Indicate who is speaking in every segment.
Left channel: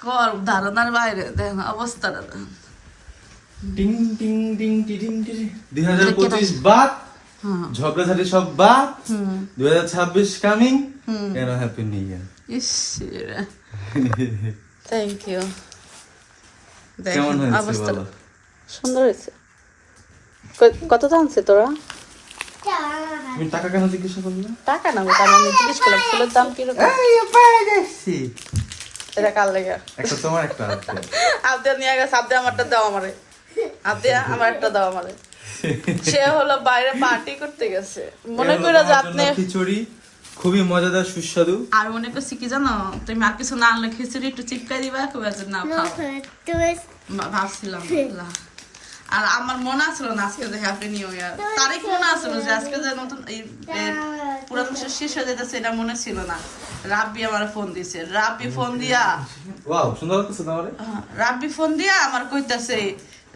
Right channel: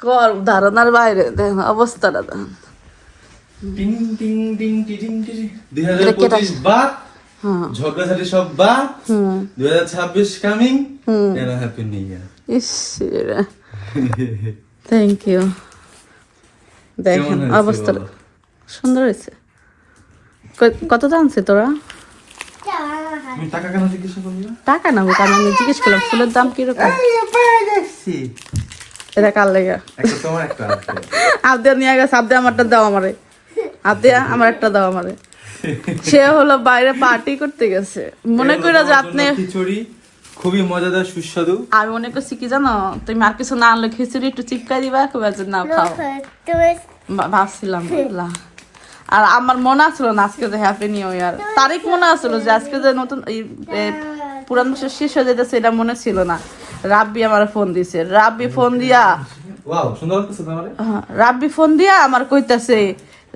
Speaker 1: কর ধারণার বাইরে দেখেন অবস্থাটা দেখেন।
Speaker 2: টিং টিং টি টিং টি দুই হাজার পঁচিশ বাদ
Speaker 1: হ্যাঁ।
Speaker 2: ঝগড়াঝাটি সব বাদ
Speaker 1: হুম।
Speaker 2: দুই হাজার ছাব্বিশ কামিং
Speaker 1: হুম।
Speaker 2: এন্ড হ্যাপি নিউ ইয়ার
Speaker 1: ইস থ্যাংক ইউ দেখেন
Speaker 2: হয়েছে
Speaker 1: সুন্দর হয়েছে। কত- জানছে তোরা?
Speaker 2: টাকা কেন জিজ্ঞাসা করলে?
Speaker 1: টাকা না আমি জিজ্ঞেস করি ফুলের দাম কীরকম? এটা কার লেগে?
Speaker 2: একটা তোমার একটা আছে।
Speaker 1: আবদে নিয়ে গেছে আবদে আমারটা দাও আমারে। আবদে আমার একটা দাও আমারে। সে হলো বাইরে পার্টি করতে গেছে। মনে করে যে আপনি
Speaker 2: খিচুড়ি খুবই মজাদার সুস্বাদু।
Speaker 1: আমি মনে করছি কি জানো? তুমি আর কিছু না আনলে খিচুড়ি একটু চিপকাই দিবা খুব আছে না খাও। ভাবছিলাম আর আমার মনে আসলো না আজকে যে হ্যাপি নিউ ইয়ার তারিখ মনে আসলো যে আজকে যে নতুন পুরান শেষ হয়ে যেতেছে এটা মনে ছিল না। রাব্বি আমার ফোন দিছে। রাব্বি ফোন দিয়া
Speaker 2: ওয়াও সুন্দর লাগতেছে তোমার।
Speaker 1: হ্যাঁ, রাব্বি ফোন দিয়া আমার কইতাছে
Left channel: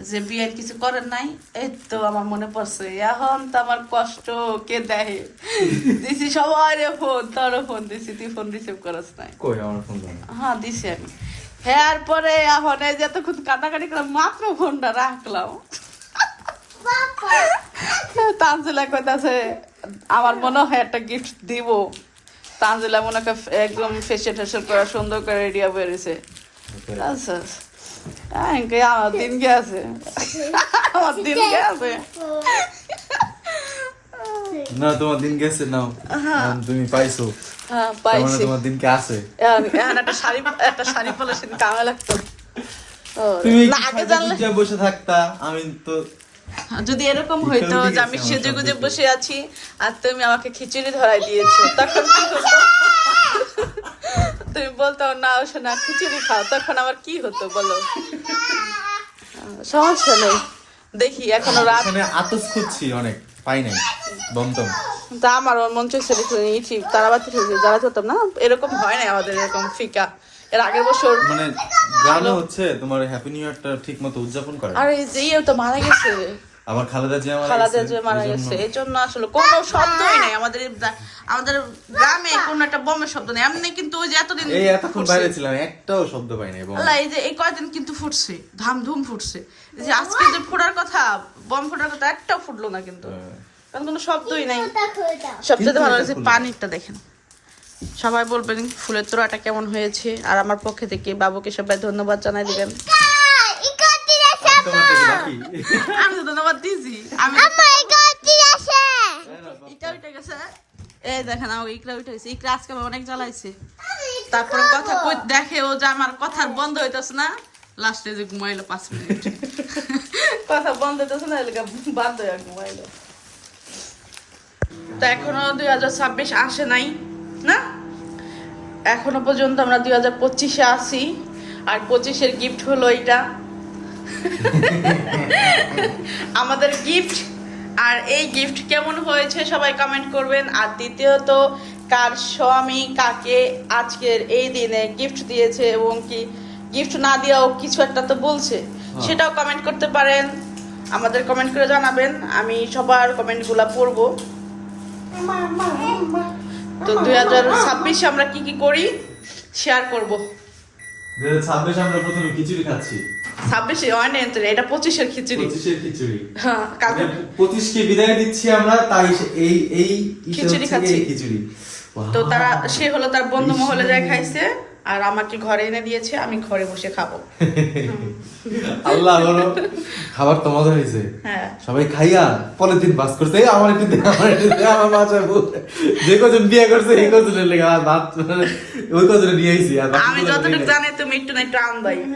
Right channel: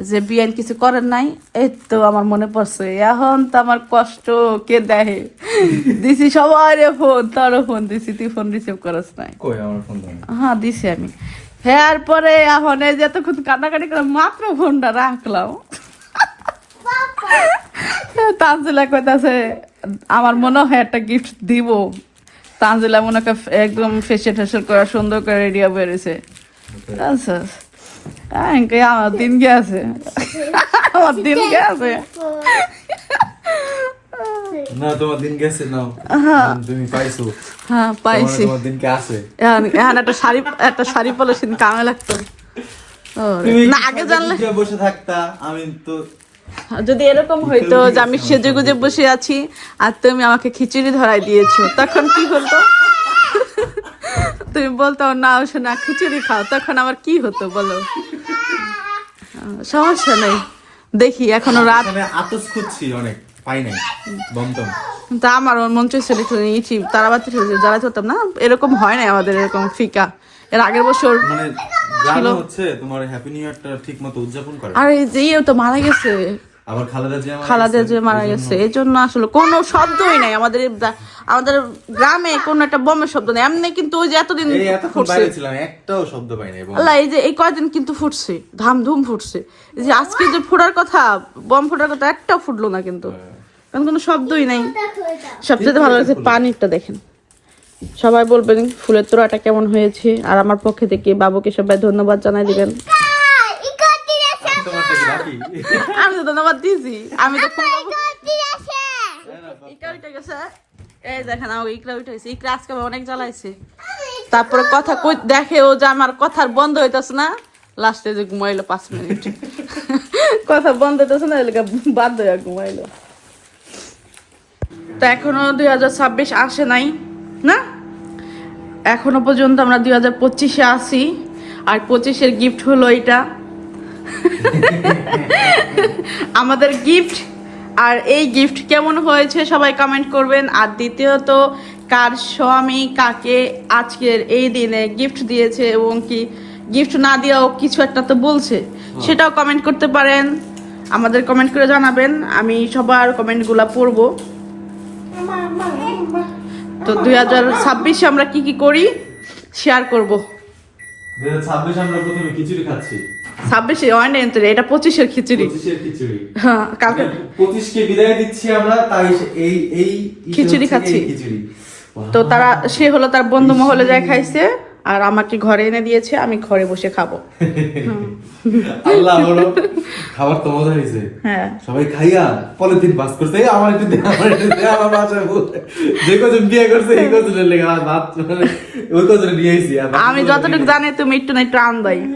Speaker 1: যে বিয়ের কিছু করেন নাই। এই তো আমার মনে পড়ছে এখন তো আমার কষ্ট কে দেয় দিছি সবাই ফোন তারও ফোন দিছি তুই ফোন রিসিভ করস নাই।
Speaker 2: কই আমার ফোন দাও।
Speaker 1: হ্যাঁ দিছি আমি। হ্যাঁ পরে এখন এই যে এতক্ষণ কান্নাকাটি করে মাত্র ফোনটা রাখলাম। তানজিলা কইতাছে আমার মনে হয় একটা গিফট দিব। তানজিলা মনে একদম টেসিয়াল করে সুন্দর করে রেডিও বেরিয়েছে আমার দিন গেছে আমার দিন গেছে
Speaker 2: না তোমার দিন গেছে নাও। তুমি পাইছো।
Speaker 1: হ্যাঁ
Speaker 2: মানে
Speaker 1: পাইছি।
Speaker 2: তোমার দিনকে আছে?
Speaker 1: এখন এখন একটা শাড়ি একটা শাড়ি কামে লাগতো।
Speaker 2: তুমি
Speaker 1: আগে জানলে
Speaker 2: বসে থাকতা আমি তো
Speaker 1: যদি এরকম হইতো যে আমি সেজে গুজে বসে আছি আর তুমি আমাকে খিচুড়ি ধরাই দিয়েছ তখন কি হতো? তুমি বলতো না শোনা খিচুড়ি খাও। তখন আমার কি হতো বলো? সমস্যা নাই। দেখি এখনও রাত
Speaker 2: আতস খুঁজছি অনেক পাই নাই বমতম
Speaker 1: তা আমার মন চাইছে ইচ্ছি তারা বাচ্চা যারা না এরকম হয় না আমাদের এরকম ফিকা। এর আগের বছর।
Speaker 2: মানে গ্রামে হচ্ছে তোমার হ্যাপি নিউ ইয়ারটা ঠিক মতো উদযাপন করে।
Speaker 1: আরে যে তো মারা গেছে।
Speaker 2: আবার খালেদা জিয়া মারা
Speaker 1: খালাদের
Speaker 2: গেছে,
Speaker 1: মারা গেছে এই জন্য আসলে কোনো শব্দই নাই আমাদের আমাদের গ্রামে কোনো একটা বোমের শব্দ নেই। এমনি কিন্তু ওই যে এতদিন
Speaker 2: এই এতক্ষণ
Speaker 1: ফুটছে।
Speaker 2: বাইরে ছিলাম একটাও শব্দ পাই নাই
Speaker 1: আল্লাহ, এই যে এই কয়দিন কিন্তু ফুটছে ধাম ধুম ফুটছে। এই যে আজকে যে ফুটার কথা বম ফুটার কথা একটাও ফুটলো না কিন্তু।
Speaker 2: হ্যাঁ।
Speaker 1: কোনো শব্দই নেই। সবচেয়ে ভালো লাগছে পানিরটা দেখেন। সবাই বলবেন ফুলের তোড়াটা কেমন হয়েছে আর আমার পক্ষে থেকে বাবুকে সবাই ধন্যবাদ জানাই দিবেন।
Speaker 2: আমি
Speaker 1: তো ধন্যবাদ দিয়েছি। আমি তো ইকরা উঠে গেছে। এই দেখেন আমার ইকরা উঠে গেছে। ইকরা আজকে অনেক জ্বালাইছে। তারপরে কথা দেখে ও যে আমার কথার বন্ধ হইতেছে না লাস্টে যে ঘুমাইলো পাঁচ মিনিট। কথা বন্ধ হইতেছে না এলাকা বাধ্য হয়ে ঘুমাইলো। তো এখনও দুই হাজার ছাব্বিশ আসে নাই। না? এখনও পর্যন্ত আমরা দুই হাজার পঁচিশে আসি আর পঁচিশের গিফট হলো এটা আমাদের গিফট আর এই গিফট কেমন হয়েছে সবাই কমেন্ট করবেন। আর দ্বিতীয়ত কার স্বামী কাকে আজকের এই দিনে গিফট দিয়েছে এবং কি গিফট না দিয়েও কিছু একটা তো বলছে সেটাও কমেন্ট করতে পারেন। আমাদের কমেন্ট করে জানাবেন আমি সবার কমেন্টগুলো পড়ব। তো দুই হাজার ছাব্বিশে আমরা কি কি করি? শেয়ার করব।
Speaker 2: দুই হাজার ছাব্বিশে আমরা প্রথমে খিচুড়ি খাচ্ছি।
Speaker 1: ছাব্বিশে? এটা পঁচিশের খিচুড়ি।
Speaker 2: পঁচিশের খিচুড়ি।
Speaker 1: হ্যাঁ
Speaker 2: পঁচিশকে বিদায় দিচ্ছি আমরা তাই এই এই
Speaker 1: খিচুড়ি খাচ্ছি।
Speaker 2: খিচুড়ি।
Speaker 1: তো তারা সে হলো তার বন্ধু মহলে যায় খাইছে। আর আমাকে ঘরে এনে দিয়েছে আমি ঘরে বসে খাব।
Speaker 2: আল্লাহ বলো খাবার তো মজা হয়েছে।
Speaker 1: হ্যাঁ।
Speaker 2: সবাই খাইয়া পলিথিন পাস করছে এই আমার একটু দে আমার একটু দে আমার বাসায় যে কজন বিয়ে করছে এই কজনের লেগে আর ভাত ওই কজনে নিয়ে আইছি
Speaker 1: আমি যতটুকু জানি তুমি একটু না একটু আন্দাই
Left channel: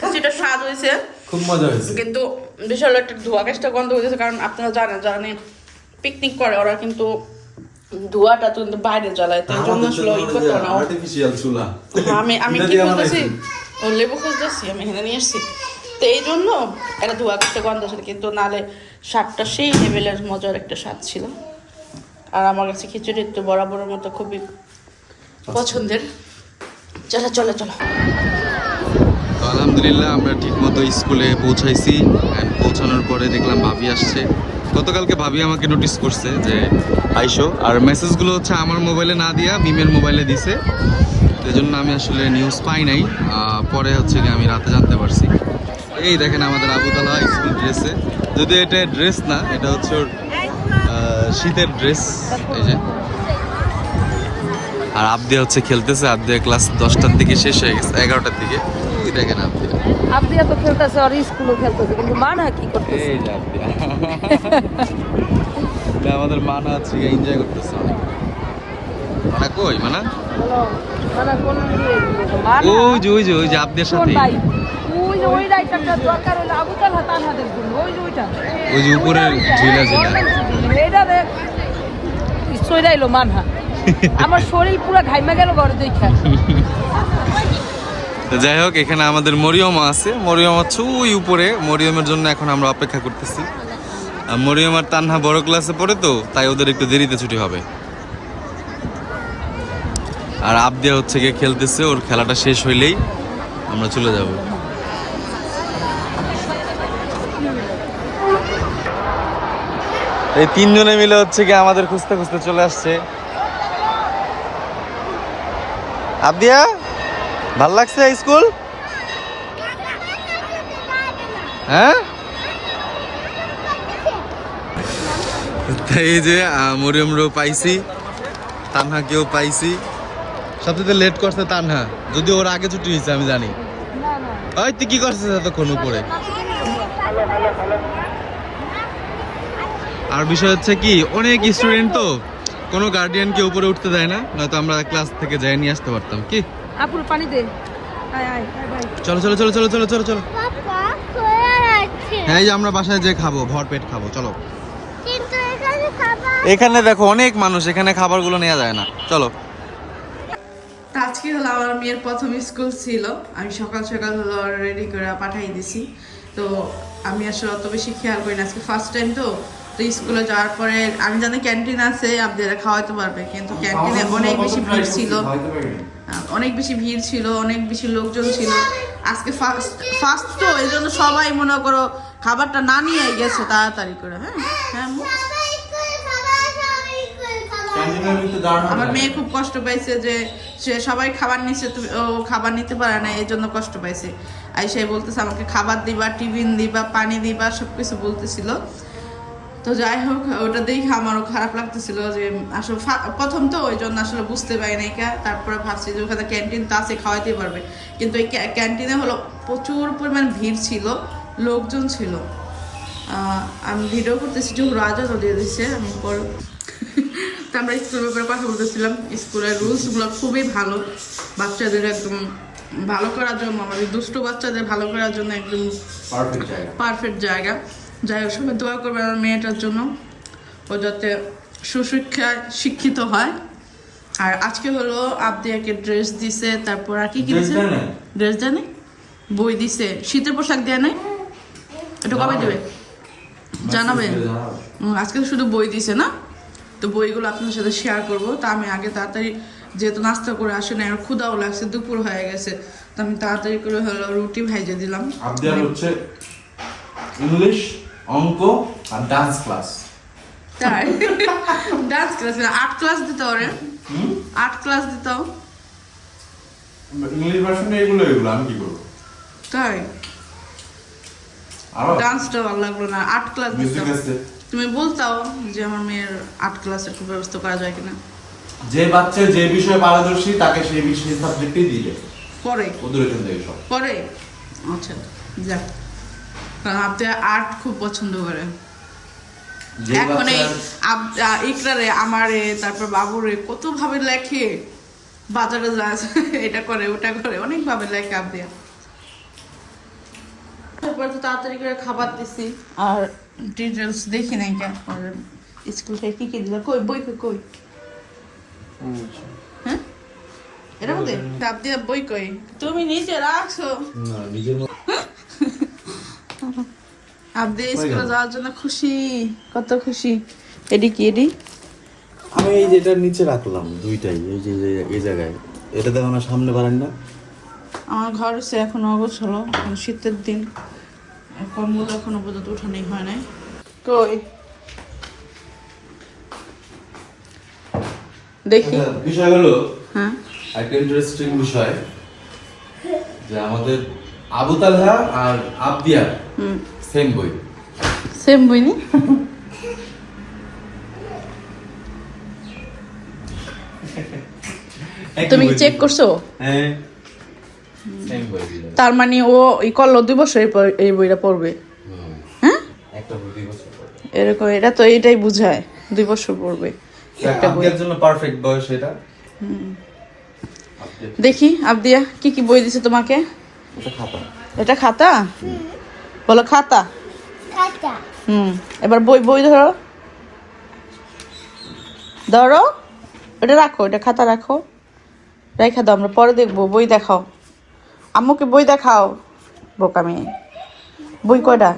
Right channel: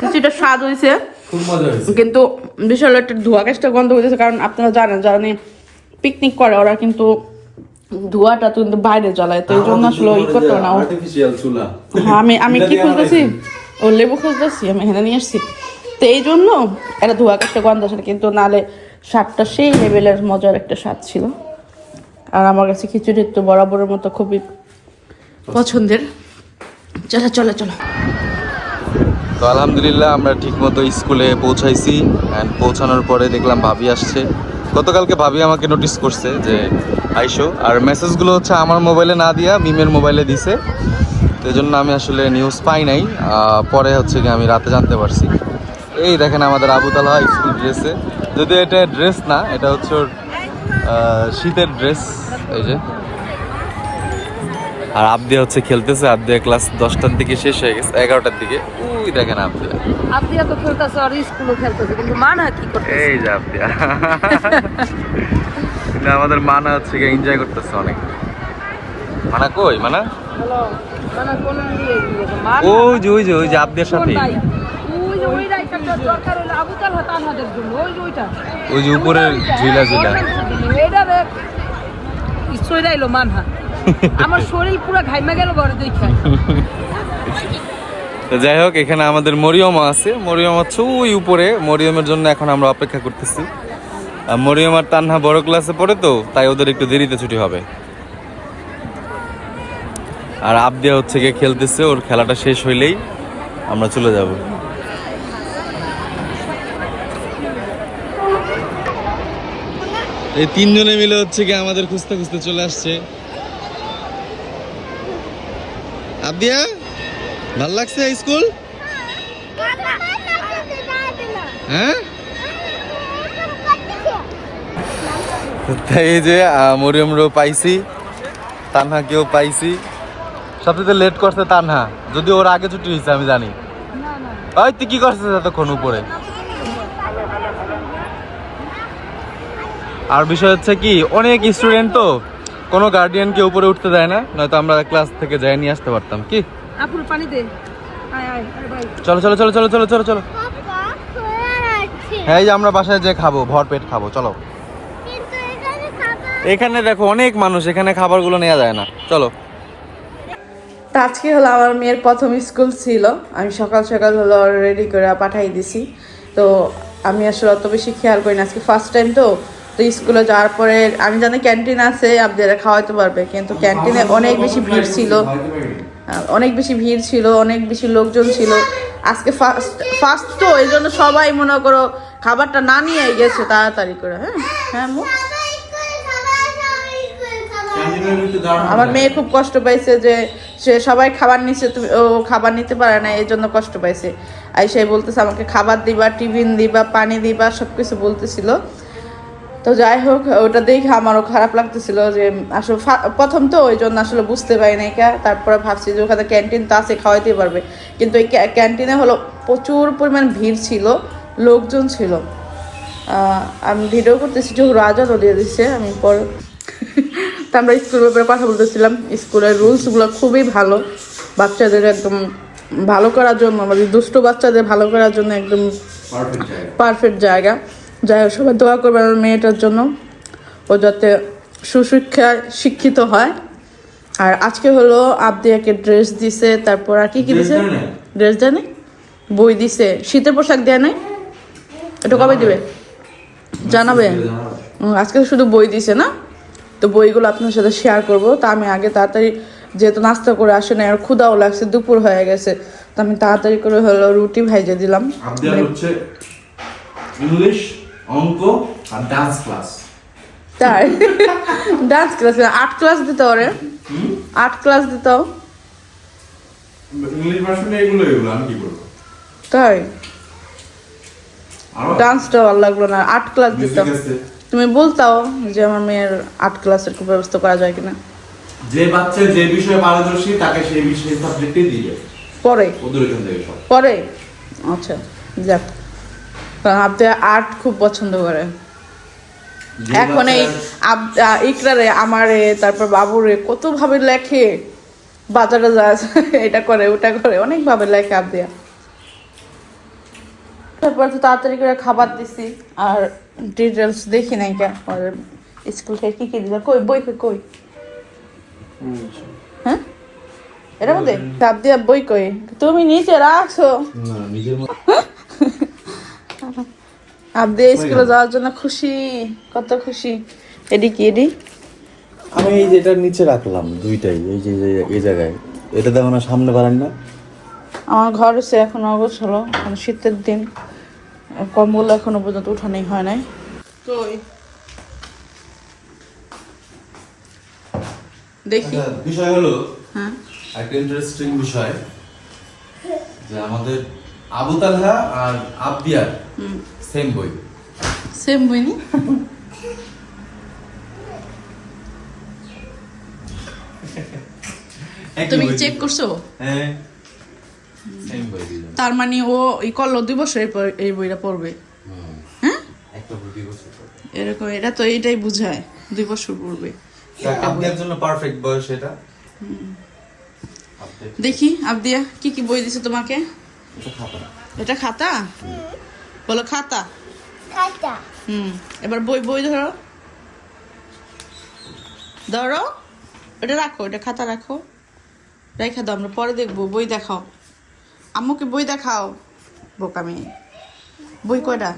Speaker 1: কিছুটা স্বাদ হয়েছে।
Speaker 2: খুব মজা হয়েছে।
Speaker 1: কিন্তু বিশাল একটা ধোয়া গ্যাসটা গন্ধ হয়েছে কারণ আপনারা জানেন যারা পিকনিক করে ওরা কিন্তু ধোঁয়াটা তো কিন্তু বাইরে জ্বালায় তো এই জন্য আসলে ওই করতে না।
Speaker 2: আর্টিফিশিয়াল চুলা।
Speaker 1: হ্যাঁ, আমি আমি কি খুঁজতেছি? ও লেবু খুঁজতেছি আমি এখানে নিয়ে এসেছি তো এই জন্য একটা ধোয়া একটা গন্ধ আসে কিন্তু নালে স্বাদটা সেই লেভেলের মজার একটা স্বাদ ছিল। আর আমার কাছে খিচুড়ি তো বরাবরের মতো খুবই পছন্দের। চলো চলো চলো।
Speaker 2: তো আলহামদুলিল্লাহ আমরা ঠিক মতো স্কুলে পৌঁছাইছি। অ্যান্ড পৌঁছানোর পরে দেখলাম ভাবি আসছে। গতকালকে ভাবি আমাকে নোটিস করছে যে, আইসো। আর মেসেজগুলো হচ্ছে আমার মোবাইলে না দিয়া মিমের মোবাইলে দিছে। তো জন্য আমি আসলে নিউজ পাই নাই। পরে হচ্ছে কি আমি রাতে জানতে পারছি। এই দেখেন আমাদের আবু তালা স্কুল ড্রেসে যদিও এটা ড্রেস না, এটা হচ্ছে শীতের ড্রেস এই যে। আর আবদিয়া হচ্ছে খেলতেছে। আবদিয়া ক্লাস দশটার দিকে শেষ হয়ে গেছে, এগারোটার দিকে। ওই দেখেন আবদিয়া
Speaker 3: আপনি তো খেলতেছে আর স্কুলও খেলতেছে কিন্তু মানা কি করতে
Speaker 2: এই যে আবদিয়া না, আমাদের মানা হচ্ছে এনজয় করতেছে অনেক। মানা কই মানা?
Speaker 3: মানা? মানা
Speaker 2: ওই যে ওই যে ওই যে আবদিয়ার সাথে
Speaker 3: ওই যে
Speaker 2: উপরের ঝুলা ঝুলা
Speaker 3: এইটা দেখ সইরা এলো মানহা। আমার শরীর পুরো ঘাইমা গেল ঘরে দেখা।
Speaker 2: তো যাই হোক, এখানে আমাদের মরিয়ম আছে। মরিয়ম হচ্ছে ওই উপরে। মরিয়মের জন্য এখন আমরা অপেক্ষা করতেছি। আর মরিয়ম আর তান্হা বড় ক্লাসে পড়ে তো, তাই ওদের একটু দেরিতে ছুটি হবে। আর আবদিয়া হচ্ছে গিয়ে খেলতেছে, ওর খেলাটা শেষ হইলেই আমরা চলে যাব। এই তিনজনে মিলে হচ্ছে গিয়ে আমাদের খুঁজতে খুঁজতে চলে আসছে। আবদিয়া? ভালো লাগছে স্কুল? হ্যাঁ? এই যে মরিয়মরও পাইছি তানহাকেও পাইছি। সবচেয়ে লেট করছে তানহা যদি ওর আগে ছুটি হয়েছে, আমি জানি। ওই, তুই কি করছিস এতক্ষণ উপরে? আর বিষয় হচ্ছে কি, অনেক স্টুডেন্ট তো, কোনো গার্ডিয়ানকে উপরে উঠতে দেয় না, নয়তো আমরা ক্লাস থেকে যাই নিয়ে আসতে পারতাম, কি?
Speaker 3: আপুর পানি দে। আয় আয় আয় ভাই।
Speaker 2: চলো চলো চলো চলো চলো চলো চলো। হ্যাঁ এই যে আমরা বাসায় যে খাব ভর পেট খাব চলো।
Speaker 4: এখানে
Speaker 2: দেখো অনেক মানুষ এখানে খাবারগুলো নেওয়া যায় না। চলো।
Speaker 1: তা আজকে হলো আমার মেয়ের প্রথম স্কুল ছিল। আমি সকাল সকাল হলো রেডি করে পাঠাই দিছি। তো আমি আসলে অত বেশি খেয়াল করি না। আজকে ফার্স্ট টাইম তো। তো স্কুলে যাওয়ার পরে আমি জানি ক্যান্টিন আছে আপনারা খাওয়াতে পারবে। কিন্তু ক্যান্টিনে অনেক বেশি ভিড় ছিল। অনেক বেশি ভিড় ছিল, অনেক বেশি লোকজন ছিল। আজকে ফার্স্ট ফার্স্ট তো, এই জন্য সবাই মনে করো খাবারটা না নিয়ে গেছে তাড়াতাড়ি করে হ্যাঁ? হ্যাঁ আমার মেয়ে খুব কষ্ট পাইছে যে সে সবাই খাবার নিচ্ছে তুমি, ও খাবার নিতে পারে না, এই জন্য কষ্ট পাইছে। আর সে বলতেছে আমাকে খাবার দিবা, টিফিন দিবা, পানি দিবা, সবকিছু বলতেছিল। তো যাই হোক ওটা দেখে আমারও খারাপ লাগতেছিল যে আসলে প্রথম তো ওই জন্য আসলে বুঝতে পারি নাই কা তারপরে ভাবছি যে ওখানে ক্যান্টিন তো আছে খাওয়াইতে পারবে। কিন্তু এই ক্যান্টিনে হলো প্রচুর পরিমাণ ভিড় ছিল লোকজন ছিল। আমি ভিডিও করতেছি যে রাজারও দিয়ে দিচ্ছে আমি পর তো আমরা স্কুল ব্যাপারে কথা বলতেছিলাম। স্কুলের রুলসগুলো খুবই ভালো। বাচ্চাদের একদম ভালো করার জন্য আমাদের দুষ্ট বাচ্চাদের ভালো করার জন্য একদম পারফেক্ট জায়গা। যাই হোক সবাই দোয়া করবে আমার মেয়েটার জন্য। ও যাতে সুশিক্ষায় শিক্ষিত হয়। আর আজকে হলো আবদিয়াকে ড্রেস দিছে তারপর আর কি কি দিছে? ড্রেস দেয় বই দিছে। শীতের পোশাক দেয় নাই? এটা কবে দিবে? জানাবে? আজকে শুধু বই দিছে না? তো বইগুলো আপনার সাথে শেয়ার করব। তা আমি আগে তাড়াতাড়ি যেহেতু নাস্তা করে আসে না আর ক্ষুদাও লাগছে দুপুর হয়ে গেছে তো আমি তাড়াতাড়ি করে হলো রুটি ভাইজে দিলাম।
Speaker 5: ইংলিশ অঙ্ক আর ডান্স ক্লাস
Speaker 1: তাই? ডান্স ক্লাস আর্ট ক্লাস দিতে ওরে। আর্ট ক্লাস দিত
Speaker 5: ইংলিশ ভার্সনে এগুলো এগুলো আমি কি করব?
Speaker 1: তাই? ডান্সটা ভালো লাগল না আর্ট ক্লাস দিত তুমি বলতাও যে আমার মেয়ের আর্ট ক্লাসের খুব ব্যবস্থা করা যায় কিনা।
Speaker 5: যে বাচ্চা যে বিষয়ে পারদর্শী তাকে সেই বিষয়ে সাবজেক্টই দিবে
Speaker 1: পরে?
Speaker 5: ওদের এখান থেকে
Speaker 1: পরে? আচ্ছা যাক। আপনি আর্ট খুব পছন্দ করে। এখন এই ইকরারে আমারে তারপর বাবুরে কত ভাবে লেখে বাজারে যায় এটা করে ওটা করে অনেক ভাবে লেখে আবদিয়া। তারপর তো তাড়াতাড়ি করে খাবার দিছি আর ডিটেলস দেখি নাই কেন আর স্কুল থেকে কি কি দিল কই বই কই কই? হ্যাঁ? এটা মধ্যে? আবদিয়া বই কই? তুমি নিচে রাখছো?
Speaker 5: না, নিজের
Speaker 1: আবদে স্কুলে যাওয়ার জন্য খুশি কত খুশি। এডি কি এডি
Speaker 6: আমি এই যে এটার নিচে রাখলাম দুইটাই এই যে এই জায়গায়। এটা দেখো না সামনে পারেন না
Speaker 1: আমার ঘর হচ্ছে এখন অগোছ হলো শীতের দিন। কম্বল এখনও পর্যন্ত উঠানোই হয় নাই। তো দেখি।
Speaker 7: আচ্ছা, বিষয় হলো
Speaker 1: হ্যাঁ।
Speaker 7: একটা ইন্টারেস্টিং বিষয় যে আমাদের আবু তালহা আর আবদিয়া
Speaker 1: হুম।
Speaker 7: সেম বই
Speaker 1: সেম বইনি তুমি চেক করছ?
Speaker 7: হ্যাঁ। বই
Speaker 1: তার মানে ও এই করল দুই বছর এই বইটা পড়বে। হ্যাঁ। এরকম এটা তো এটাই বুঝায় দুই বছর পড়বে।
Speaker 7: জন্য পারফেক্ট বয়স এটা।
Speaker 1: দেখি আবদিয়া কি কি বই দিছে তোমাকে?
Speaker 7: এটা খাতা।
Speaker 1: এটা খাতা? বলো খাতা?
Speaker 8: কাটা
Speaker 1: হুম এবার বই বই ধরো। ধরো। এটা রাখো এটা খাতা রাখো। রেখে দাও আমরা পরে দেখব। বই দেখাও। আম্মুকে বই দেখাও বোকা মেয়ে। বই কয়টা?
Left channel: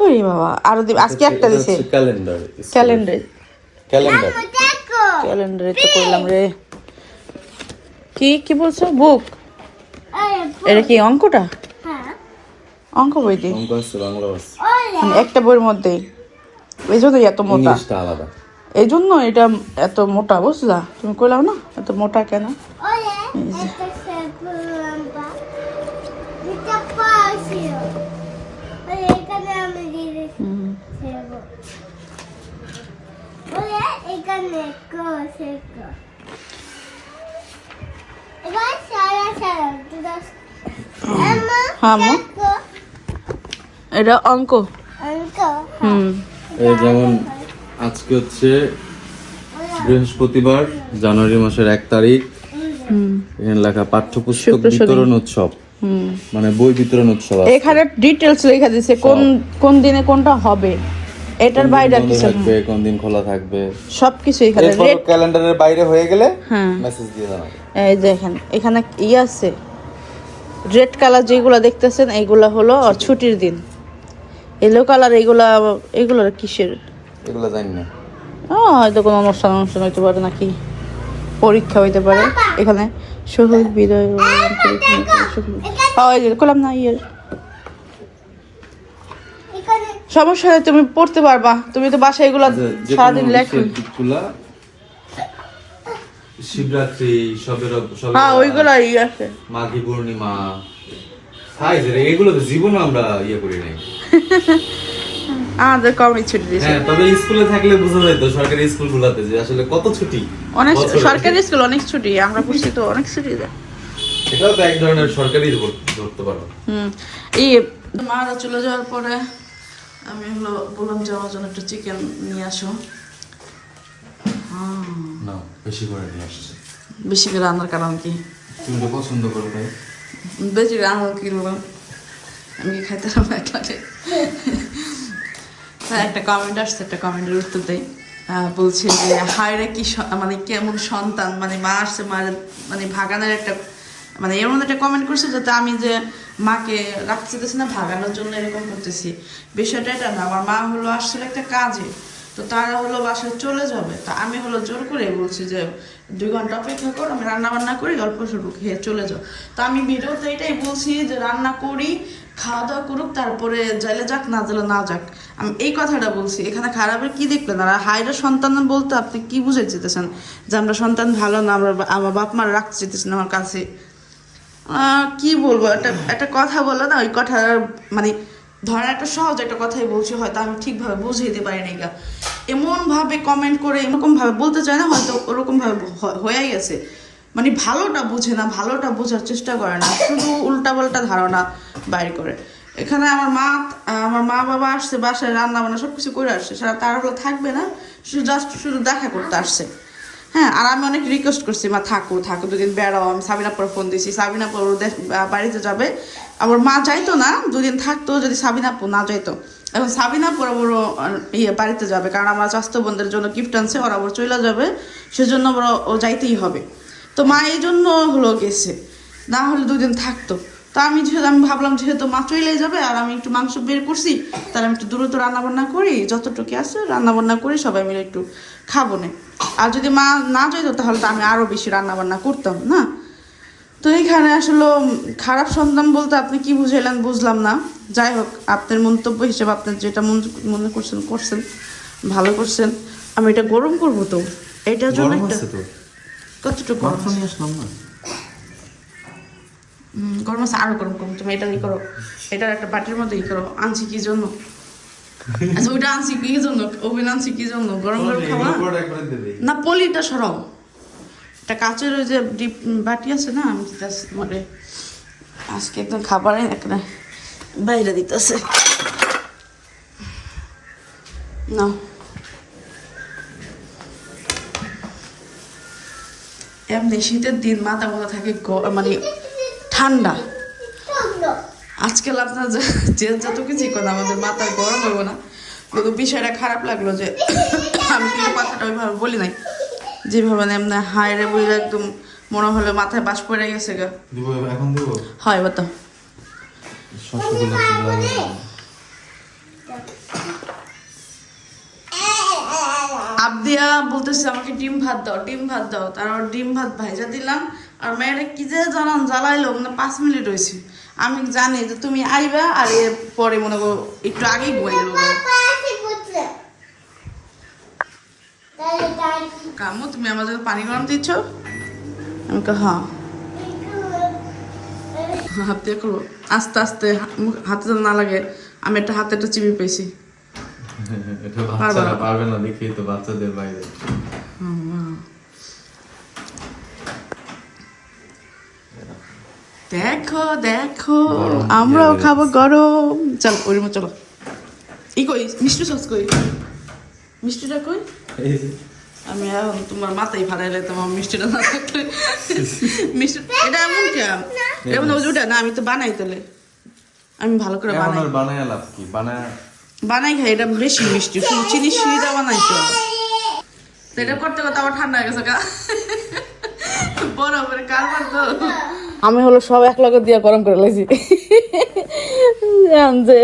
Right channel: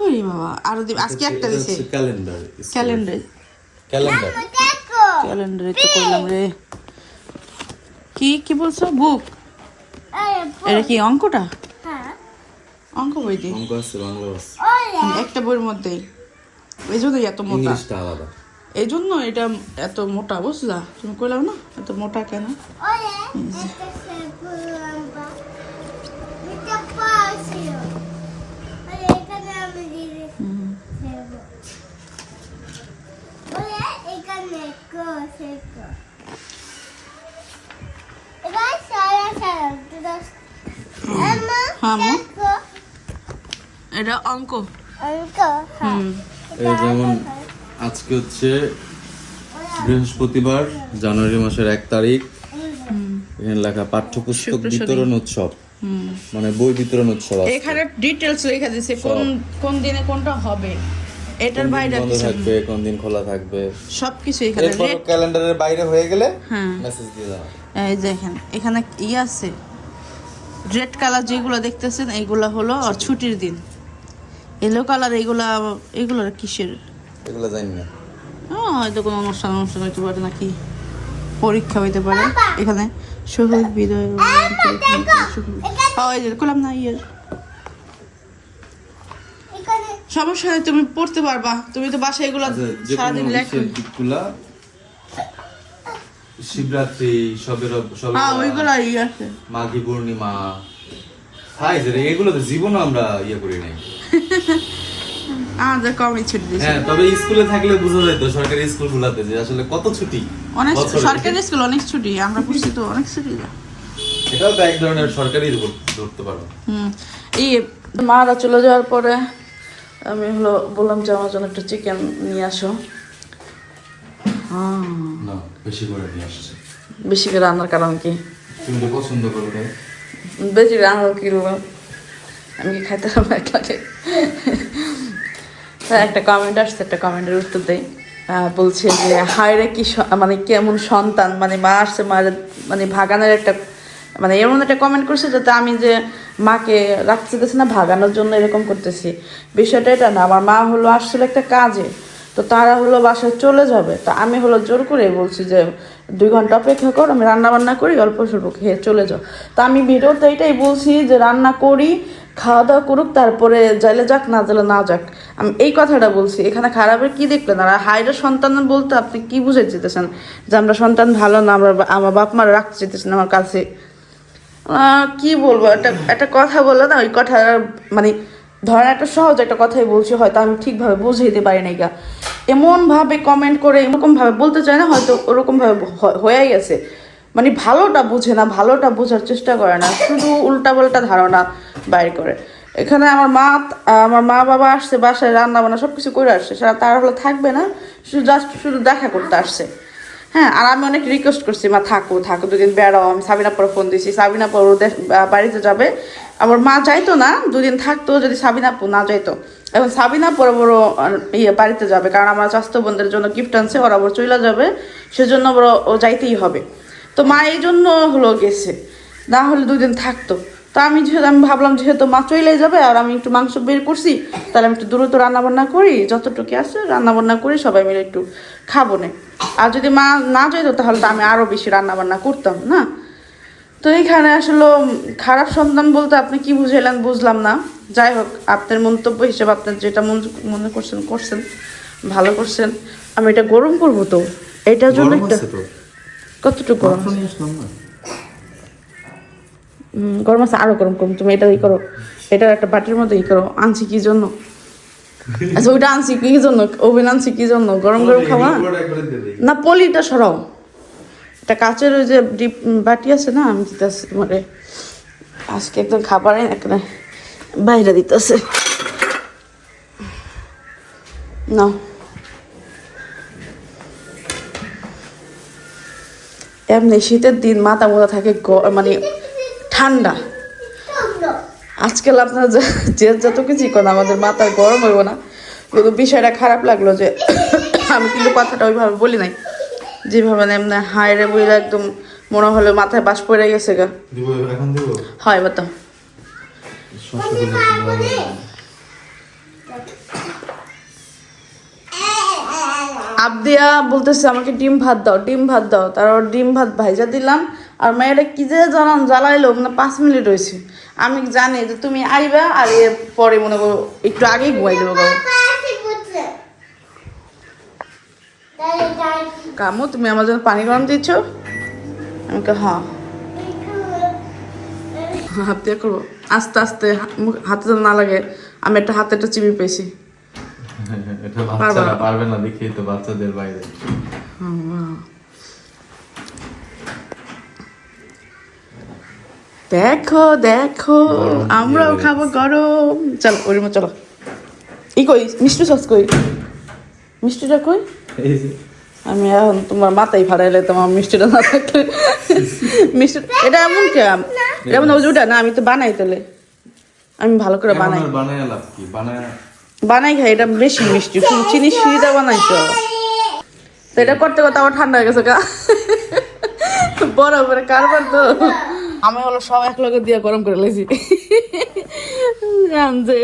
Speaker 1: ওরে বাবা আরও দিবে। আজকে একটা দিছে।
Speaker 9: ক্যালেন্ডার
Speaker 1: ক্যালেন্ডার
Speaker 9: ক্যালেন্ডার
Speaker 1: ক্যালেন্ডারে তো করলাম রে। কি কি বলছো? বুক এটা কি অঙ্কটা?
Speaker 8: হ্যাঁ।
Speaker 1: অঙ্ক বই দি
Speaker 9: অঙ্ক আছে বাংলা আছে।
Speaker 1: মানে একটা বইয়ের মধ্যেই এই জন্যই এত মোটা।
Speaker 9: আলাদা।
Speaker 1: এই জন্য এটা এত মোটা বুঝলা? তুমি কইলাম না? এত মোটা কেন?
Speaker 8: এখানে এটা
Speaker 1: হ্যাঁ, অঙ্ক
Speaker 8: অঙ্ক
Speaker 1: হুম।
Speaker 9: এই যেমন আজকে হচ্ছে বৃহস্পতিবার জানুয়ারি মাসের এক তারিখ। এখানে লেখা পাঠ্যপুস্তক বিতরণ উৎসব। মানে বই বিতরণ উৎসব
Speaker 1: এখানে ডিটেলস লেখা দিছে কোন কোন দিনে কোনটা হবে। এটার বাইরে আর কিছু
Speaker 9: থাকবে কোন দিন খোলা থাকবে।
Speaker 1: সবকিছু এখানে
Speaker 9: ক্যালেন্ডারের বাইরে হয়ে গেলে
Speaker 1: হ্যাঁ।
Speaker 9: মেসেজ দিয়ে দাও।
Speaker 1: এই যে এখানে এখানে ই আছে। রেড কালার যেগুলো দেখতেছেন এইগুলা হলো আর ছুটির দিন। এলো কালার এইগুলা এগুলো কিসের?
Speaker 9: এগুলো জানি না।
Speaker 1: হয়তো কোনো অনুষ্ঠান অনুষ্ঠান হইতে পারে নাকি পরীক্ষা হইতে পারে। এখানে শহীদ বিদয় করলাম না ইয়ে। সমস্যা তুমি পড়তে পারবা। তুমি তো বাসায় এগুলো সারাদিন লেখো।
Speaker 7: শিবরাত্রি সবের
Speaker 1: হ্যাঁ ওইগুলো ই আছে।
Speaker 7: মাঘী পূর্ণিমা হাই রে এগুলো তো জীবনও আমরা ইয়ে করি নাই।
Speaker 1: আমাদের কমই ছুটি দিয়েছে
Speaker 7: হ্যাঁ তবে স্কুলে থাকলে বোঝা যায় তো সরকারি যে আসলে কত ছুটি?
Speaker 1: অনেক সরকারি স্কুল অনেক ছুটি আমরা বুঝছি তো অনেক ছুটি দেয়।
Speaker 7: এটাও তো এক ধরনের সরকারি ধরতে পারো।
Speaker 1: হুম এই মারা চলে যাওয়ার পরে আমি হলো বললাম যে আমার জন্য একটু চিকেন নিয়ে আসো।
Speaker 7: না বেশি করে নিয়ে আসছে।
Speaker 1: বেশি করে রান্নার কারণ কি?
Speaker 7: তুমি তো পছন্দ করো তাই
Speaker 1: বেশি রান্না কিনবো আমি কি খাইতে পারব একলাকে একটা কমেন্ট আসছে একটা কমেন্টের উত্তর আহ, বলছে যে হায়রে কি মানে কেমন সন্তান? মানে মা আসছে মার মানে ভাগানোর একটা মানে এমন একটা কমেন্ট করছে যাতে আমি যে মাকে রাখতে দিতেছি না ভাগানোর জন্য এরকম করতেছি। বিষয়টা এটা না আমার মা হলো আসছিল একটা কাজে। তো তারা হলো বাসায় চলে যাবে। তা আমি হলো জোর করে বলছি যে, দুই ঘণ্টা অপেক্ষা কর, আমি রান্না বান্না করি, অল্প স্বল্প খেয়ে চলে যাও। তো আমি ভিডিওতে এটাই বলছি যে, রান্না করি খাওয়া দাওয়া করুক, তারপরে যাইলে যাক, না যাইলে না যাক। আমি এই কথাটা বলছি। এখানে খারাপের কি দেখলেন? আর হাইরে সন্তান বলতে আপনি কি বুঝে যেতেছেন যে আমরা সন্তান ভালো না, আমরা আমার বাপ মারা রাখতে যেতেছেন আমার কাছে। কি বলব? একটা একটা কথা বলল না, ওই কথা মানে ধরেন একটা সহজ একটা কথাই বলছি, হয়তো আমি ঠিকভাবে বুঝে দিতে পারি নাই গা। এমন ভাবে কমেন্ট করে এরকম ভাবে বলতে চায় না, হয়তো ওরকম ভাবে হয়েই গেছে মানে ভালোটা বুঝে না, ভালোটা বোঝার চেষ্টা করে না, শুধু উল্টা পাল্টা ধারণা বাইর করে। এখানে আমার মা আমার মা বাবা আসছে, বাসায় রান্না বান্না সব কিছু করে আসছে, সারা তারা হলো থাকবে না, শুধু জাস্ট শুধু দেখা করতে আসছে। হ্যাঁ আর আমি অনেক রিকোয়েস্ট করছি, মা, থাকো থাকো, দুদিন বেড়াও আমি সাবিনা পর ফোন দিছি। সাবিনা পর বাড়িতে যাবে। আমার মা যাইতো না, দুদিন থাকতো, যদি সাবিনা না যাইতো। এখন সাবিনা পর বড় ইয়ে বাড়িতে যাবে, কারণ আমার স্বাস্থ্য বোনদের জন্য গিফট আনছে, ওরা আবার চলে যাবে, সেজন্য বড় ও যাইতেই হবে। তো মা এই জন্য হলো গেছে। না হলে দুদিন থাকতো। তো আমি যেহেতু আমি ভাবলাম যেহেতু মা চলে যাবে আর আমি একটু মাংস বের করছি তাহলে আমি একটু দ্রুত রান্না বান্না করি যতটুকু আছে রান্না বান্না করি সবাই মিলে একটু খাব না। আর যদি মা না যেত তাহলে তো আমি আরও বেশি রান্না বান্না করতাম না? তো এইখানে আসলে খারাপ সন্তান বলতে আপনি কি বুঝাইলেন বুঝলাম না। যাই হোক আপনার মন্তব্য হিসেবে আপনার যেটা মন- মনে করছেন করছেন ভালো করছেন। আমি এটা গরম করব তো? এটার জন্য একটা কতটুকু গরম
Speaker 2: মাত্র নিয়ে আসলাম না
Speaker 1: হুম, গরম আছে আরও গরম করুন। তুমি এটা ই করো। এটা একটা বাটির মধ্যে ই করো। আনছি কি জন্য? আচ্ছা ওইটা আনছি কি জন্য? ওভেন আনছি কি জন্য? গরম গরম খাওয়া না? পলিটা সরাও। এটা কাচের ওই যে বাটি আছে না আমি দিতেছি তোমারে। আজকে একদম খাবারে একটা বাইরে দিতেছে। না এমনি শীতের দিন মাথা মোথা থাকে মানে ঠান্ডা। আজকাল আপনার যে যে যত কিছুই করেন আমাদের মাথার গরম হইব না। কিন্তু বিষয়টা খারাপ লাগল যে আমি কিন্তু কথাটা ওইভাবে বলি নাই। যেভাবে এমনি হায়রে বইরা একদম মনে হলো মাথায় বাস পড়ে গেছে গা। হয় বতো আবদিয়া বলতেছে আমাকে ডিম ভাত দাও ডিম ভাত দাও। তারপর ডিম ভাত ভাইজা দিলাম। আর মেয়েটা কি যে জানান জ্বালাইলো মানে পাঁচ মিনিট হয়েছে আমি জানি যে তুমি আইবা আর এর পরে মনে করো একটু আগেই ঘুমাই দেবো। কামু তুমি আমার জন্য পানি গরম দিচ্ছ? আমি কা হ্যাঁ। হাত দিয়ে করব। আস্তে আস্তে হাতে যেন না লাগে আমি একটা হাতে একটা চিবি পেয়েছি।
Speaker 2: এটা
Speaker 1: পারবে? না।
Speaker 2: পারবে না দেখি তো বাচ্চাদের বাইরে।
Speaker 1: দেখো দেখো আমরাও খাব গরম। চলো ওরিমা চলো। ই কই? মিষ্টি সস কই? মিষ্টিটা কই? আমি এখন তোমার মাথায় ফাড়াইলে তোমার মিষ্টিটা না থাকলে। মিষ্টি এটা এমন কে? এমন ওই ওটা না আমি তো বানাই তাহলে। আমি ভালো করে বানাই।
Speaker 2: বানাই লাভ কি? বানায়
Speaker 1: বানাই খাই এটা বেশি মিষ্টি। শুধু চিনি সিঁড়িটা বানাই তো তো এটা করতে করতে আমার ঠান্ডা হয়ে গেছে গা। বড় করে কারবার তো। আমি হলো সব এক লগে দিয়ে গরম করে জান যে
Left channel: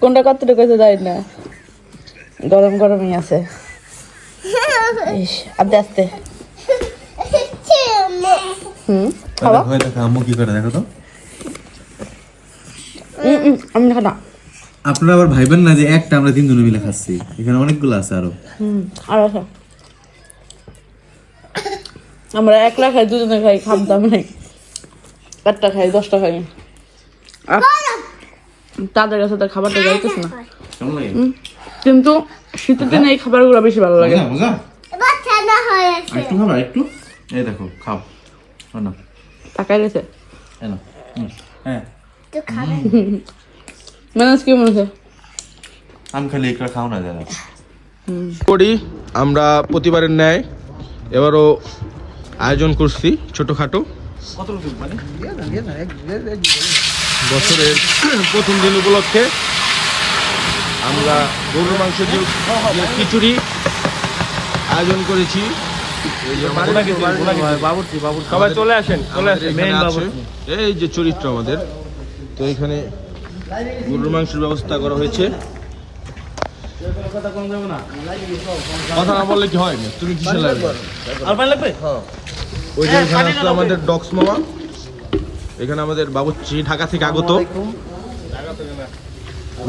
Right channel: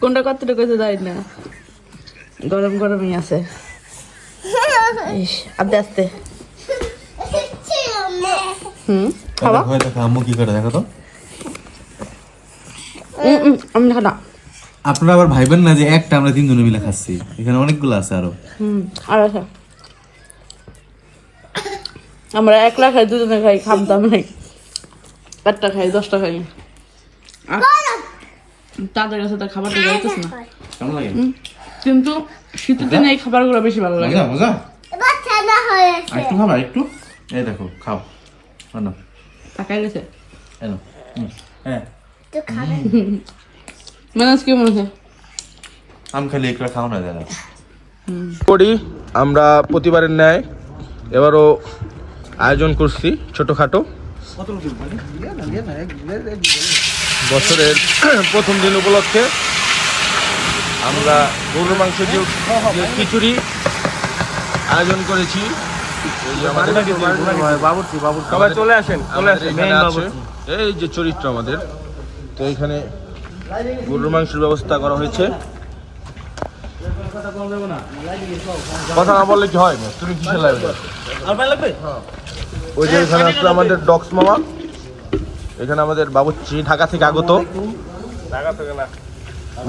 Speaker 1: কোনটা কতটুকু আছে যাই না। গরম গরমই আছে। ইস আস্তে আস্তে। হুম খাওয়া
Speaker 9: দেখো আম্মু কি করে দেখো তো।
Speaker 1: উম, উম, আমি না।
Speaker 9: আপনারা আবার ভাইবেন না যে একটা আমরা তিনজনে মিলে খাচ্ছি? এখানে অনেকগুলো আছে আরও।
Speaker 1: হুম আর আছে। আমরা একলা খাই দুজনে খাই খামতাম নাই। চারটা খাই দশটা খাই। আর তাদের কাছে তো খাবারটা যাইতেছে না।
Speaker 2: কেমন লাগে?
Speaker 1: কিন্তু শীতের দিনে এই খাবারগুলো বেশি ভালো লাগে।
Speaker 2: মজা একটু খাবা একটু এই দেখো খাও। না
Speaker 1: তাকাই গেছে?
Speaker 2: হ্যাঁ।
Speaker 8: তো
Speaker 1: ম্যানেজ কি মনে
Speaker 2: আম খালি একটু খাও না দাদা
Speaker 7: করি আমরা প্রতিবারের ন্যায় এবারও আয়োজন করছি ছোটখাটো। বছরের প্রথম দিন উপলক্ষে আমরা গরুর মাংস দিয়ে দিয়ে খিচুড়ি আয়োজন করেছি। বাবুর্চি বাবুর্চি। সবাই চলে আসেন চলে আসেন। এই যে চরিত্র আমাদের। তো এখানে গরুর মাংসের ব্যবস্থা করা হয়েছে। কথা না। বললে কি হয়? তুমি কিসের লাগবে? ওই যে এখানে আসলে আমাদের ডক্স মামা। এখানে আমাদের বাবুচ্চি ঢাকা থেকে আগত।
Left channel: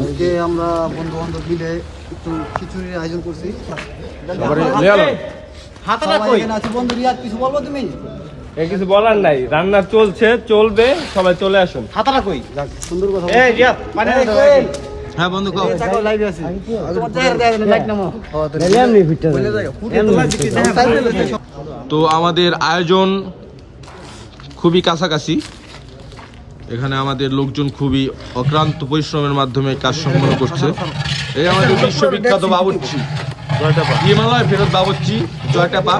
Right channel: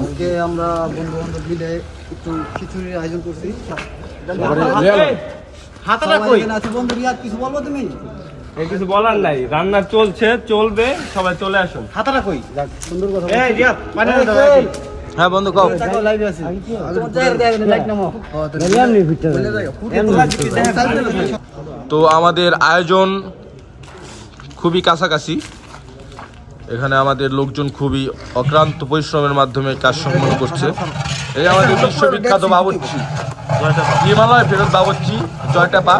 Speaker 10: আজকে আমরা বন্ধু বান্ধব মিলে একটু খিচুড়ির আয়োজন করছি। বন্ধু রিয়াদ কিছু বলব তুমি?
Speaker 11: কিছু বলার নাই। রান্না চলছে চলবে সবাই চলে আসুন।
Speaker 10: খাতাটা কই সুন্দর কথা
Speaker 7: হ্যাঁ বন্ধু কও।
Speaker 10: লাইভে আছি। লাইক।
Speaker 7: তো আমাদের আয়োজন খুবই কাছাকাছি। এখানে আমাদের লোকজন খুবই অক্লান্ত পরিশ্রমের মাধ্যমে কাজ সম্পন্ন করছে। এই আমাদের বিশ্ববিখ্যাত বাবুর্চি। হিমালয় ফেরত বাবুর্চি জয়টা পা।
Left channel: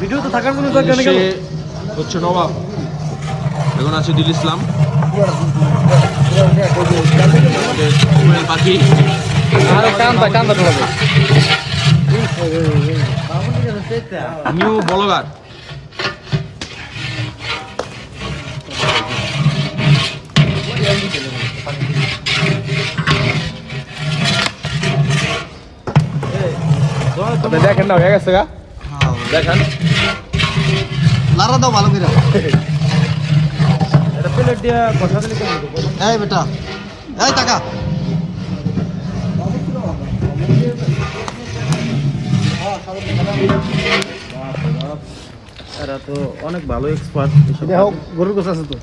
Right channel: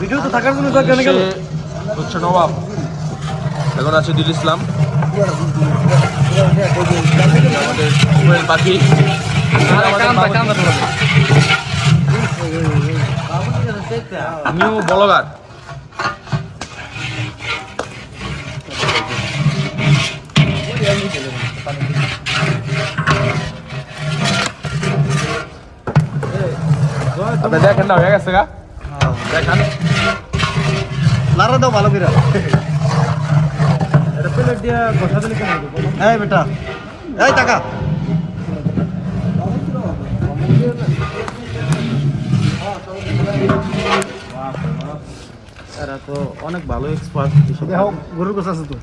Speaker 10: ভিডিও তো থাকার জন্য দরকার নেই কেন?
Speaker 7: সে হচ্ছে নবাব। এখন আছে দিল ইসলাম। পাখি নিউ বলগার দেখেন না হয়ে গেছে গা।
Speaker 10: নাড়া দাও ভালো করে। এই বেটা। এই টাকা। এরা তো অনেক ভালো এক্সপার্ট গরুর কাছে আছে তো।